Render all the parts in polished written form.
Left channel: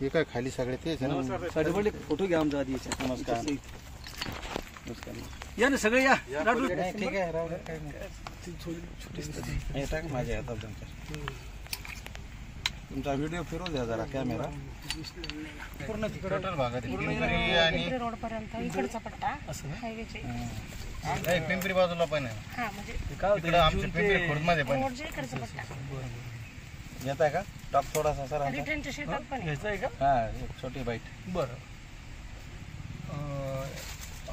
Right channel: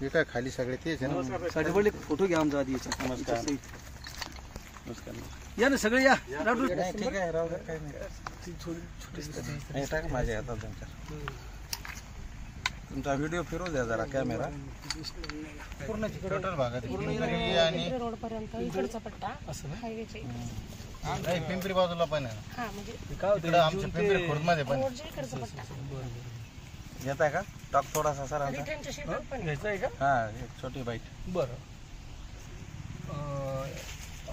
हे काय खाली सगळे तेच आहे. साडेपडले फोटो घ्या आमचा आधी. या ना सगळे या. ठीक आहे राहू दे, काही नाही. माझ्या हातात तुमचा व्हिडिओ फिरवू द्या जरा कॅमेरा. पूर्ण टोटल भागात रोड पर्यंत इकडचा पट्टा असं हायवेचे नाही, पिंपरी बाजूला पण आहे. इकडे आमच्या पिंपरी खुर्द मध्ये पण घेताय का? टॉक थोडासा सर घ्यायचा आहे का? हा, एक छोटी बाईट. बरं,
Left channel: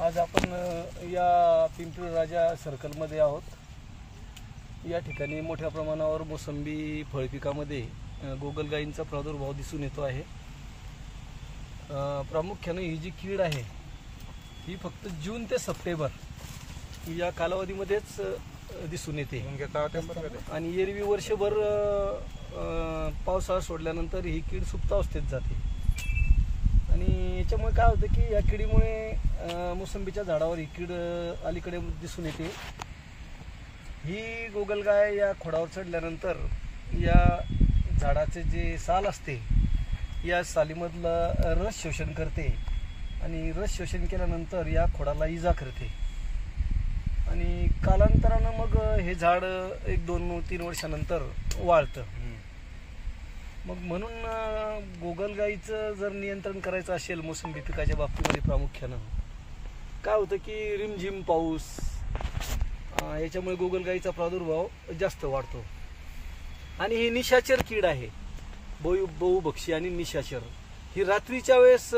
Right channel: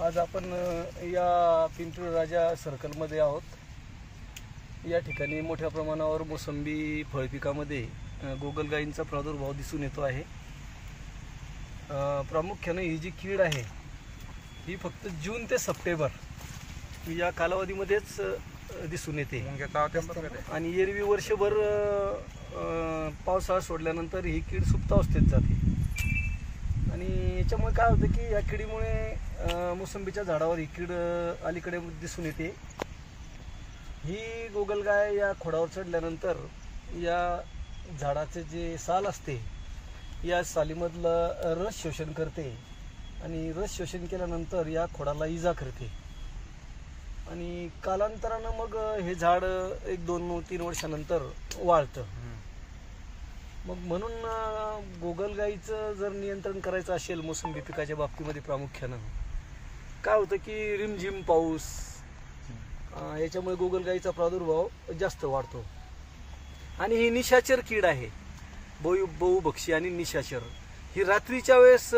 आज आपण या पिंपरी राजा सर्कलमध्ये आहोत. या ठिकाणी मोठ्या प्रमाणावर मोसंबी फळपिकामध्ये गोगलगायींचा प्रादुर्भाव दिसून येतो आहे. प्रामुख्याने ही जी कीड आहे ही फक्त जून ते सप्टेंबर या कालावधीमध्येच दिसून येते आणि एरवी वर्षभर पावसाळा सोडल्यानंतर ही कीड सुप्तावस्थेत जाते. आणि याच्यामुळे काय होतं की या किडीमुळे मोसंबीच्या झाडावर ही कीड अलीकडे दिसून येते. ही गोगलगाय या खोडावर चढल्यानंतर या झाडाचे जे साल असते या सालीमधलं रस शोषण करते आणि रस शोषण केल्यानंतर या खोडाला इजा करते आणि कालांतरानं मग हे झाड 1-2-3 वर्षानंतर वाळतं. मग म्हणून गोगलगायीचं जर नियंत्रण करायचं असेल मोसंबी पिकाच्या बाबतीमध्ये प्रामुख्यानं काय होतं की रिमझिम पाऊस याच्यामुळे गोगलगायीचा प्रादुर्भाव जास्त वाढतो. आणि ही निशाचर कीड आहे, बहुभक्षी आणि निशाचर. ही रात्रीच्या वेळेस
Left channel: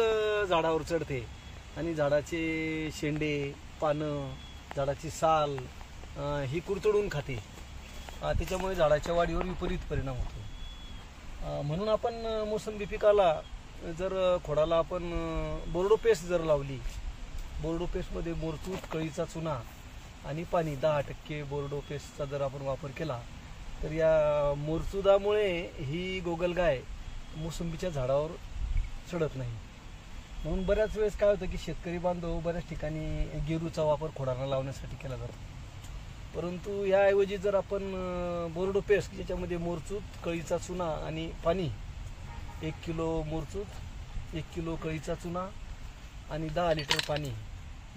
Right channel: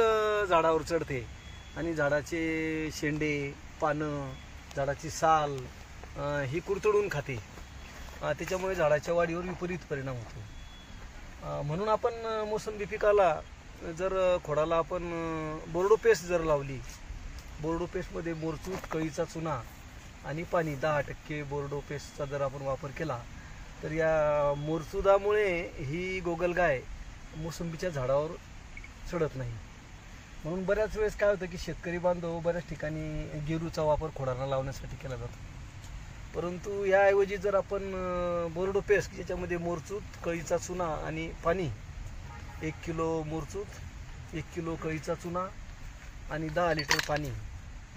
झाडावर चढते आणि झाडाचे शेंडे, पानं, झाडाची साल ही कुरतडून खाते. त्याच्यामुळे झाडाच्या वाढीवर विपरीत परिणाम होतो. म्हणून आपण मोसंबी पिकाला जर खोडाला आपण बोर्डो पेस्ट जर लावली, बोर्डो पेस्टमध्ये मोरचूट, कळीचा चुना आणि पाणी 10% बोर्डो पेस्टचा जर आपण वापर केला तर या मोरचुदामुळे ही गोगलगाय मोसंबीच्या झाडावर चढत नाही. म्हणून बऱ्याच वेळेस काय होतं की शेतकरी बांधव बऱ्याच ठिकाणी गेरूचा वापर खोडांना लावण्यासाठी केला जातो. परंतु याऐवजी जर आपण बोर्डो पेस्ट ज्याच्यामध्ये मोरचूत, कळीचा चुना आणि पाणी 1 किलो मोरचूत, 1 किलो कळीचा चुना आणि 10 लिटर पाणी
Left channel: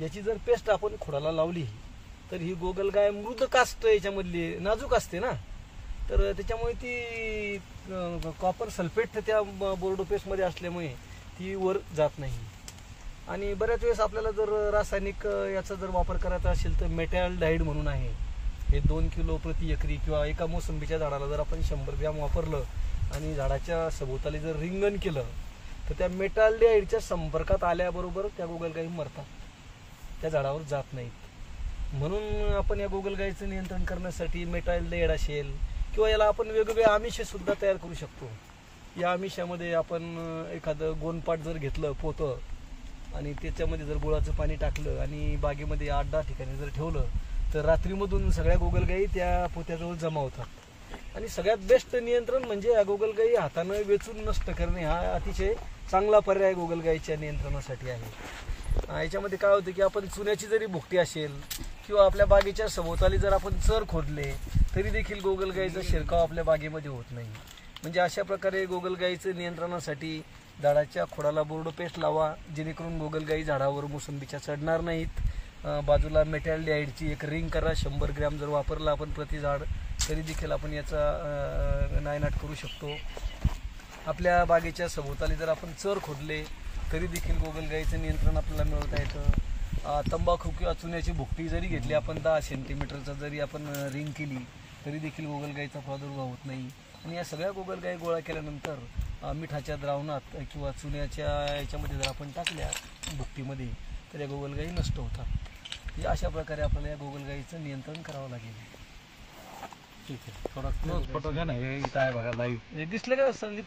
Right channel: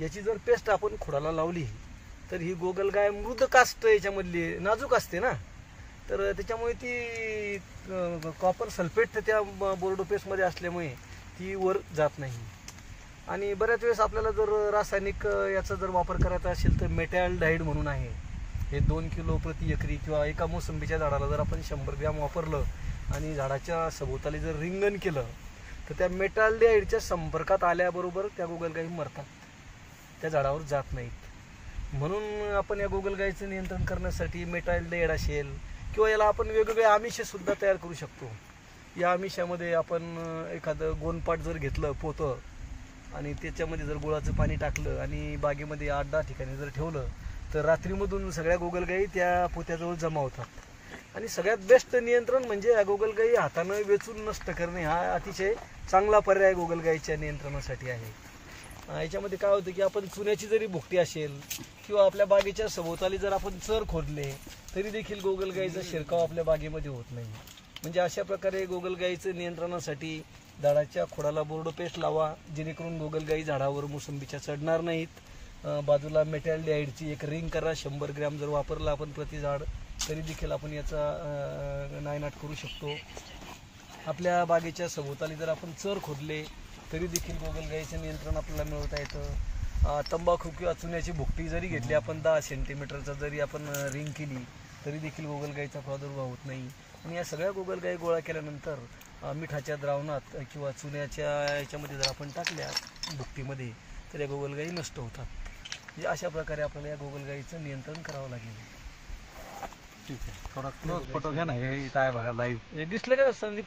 याची जर पेस्ट आपण खोडाला लावली तर ही गोगलगाय मृद कास्ट याच्यामधली नाजूक असते ना, तर त्याच्यामुळे ती कॉपर सल्फेट त्या बोर्डो पेस्टमध्ये असल्यामुळे ती वर जात नाही. आणि बऱ्याच वेळेस आपल्याला जर रासायनिक याचा जर वापर करायचा असेल तर मेटॅल्डाइड म्हणून आहे, हे 2 किलो प्रति एकरी किंवा एका मोसंबीच्या झाडाला जर आपण 100 ग्रॅम वापरलं आणि झाडाच्या सभोवताली जर रिंगण केलं तर त्या मेटॅल्डाइडच्या संपर्कात आल्याबरोबर त्या गोगलगायी मरतात, त्या झाडावर जात नाहीत. म्हणून आपण या गोगलगायीचं नियंत्रण करण्यासाठी मेटॅल्डाइड असेल किंवा याला आपण वेगवेगळे आमिष सुद्धा तयार करू शकतो. या आमिषामध्ये आपण एखादं गोनपाट जर घेतलं पोतं आणि त्याच्यामध्ये जर गुळाचं पाणी टाकलं आणि बागेमध्ये 8-10 ठिकाणी जर ठेवलं तर रात्रीमधून सगळ्या गोगलगायी त्या पोत्याजवळ जमा होतात. आणि सगळ्यात बेस्ट नियंत्रण म्हणजे या गोगलगायी हातानं वेचून नष्ट करणे हा अतिशय चांगला पर्याय गोगलगायीच्या नियंत्रणासाठी आहे. याच्यामध्ये काय होतं की आपण चुन्याची जरी भुकटी असेल किंवा आपल्या बागेच्या सभोवताली जर आपण चर खोदले तरी देखील गोगलगायीचा शिरकाव आपल्या बागेमध्ये होत नाही. म्हणजे अशा प्रकारे गोगलगायीचं नियंत्रणासाठी झाडाच्या खोडाला बोर्डो पेस्ट लावा जेणेकरून गोगलगायी झाडावर मोसंबीच्या चढणार नाहीत. बाजूला मेटॅल्डाइडची एक रिंग करा, 100 ग्रॅम जर वापरला आपण प्रति झाड तरी देखील आपण याचा नायनाट करू शकतो. आपल्या बागेच्या सभोवताली जर आपण चर खोदले तरी देखील गोगलगायीचं नियंत्रण आपल्याला मिळवता येतं. तंबाखू किंवा चुन्याची भुकटी जरी घेतली आपण 10 सेंटीमीटरचा जरी आपण रिंग केली तरी देखील गोगलगायीचा प्रादुर्भाव होत नाही. आणि या सगळ्या गोगलगायी गोळा केल्यानंतर मिठाच्या द्रावणात किंवा चुन्याच्या याच्यामध्ये जर आपण टाकल्या भुकटीमध्ये तर या गोगलगायी नष्ट होतात. म्हणजे अशा प्रकारे आपल्याला या गोगलगायीचं नियंत्रण करावं लागेल. ठीक आहे, थोडा क्लोज फोटो घ्या ना. हे इथं आहे बघा लाईव्ह. दिसलं का संदीप?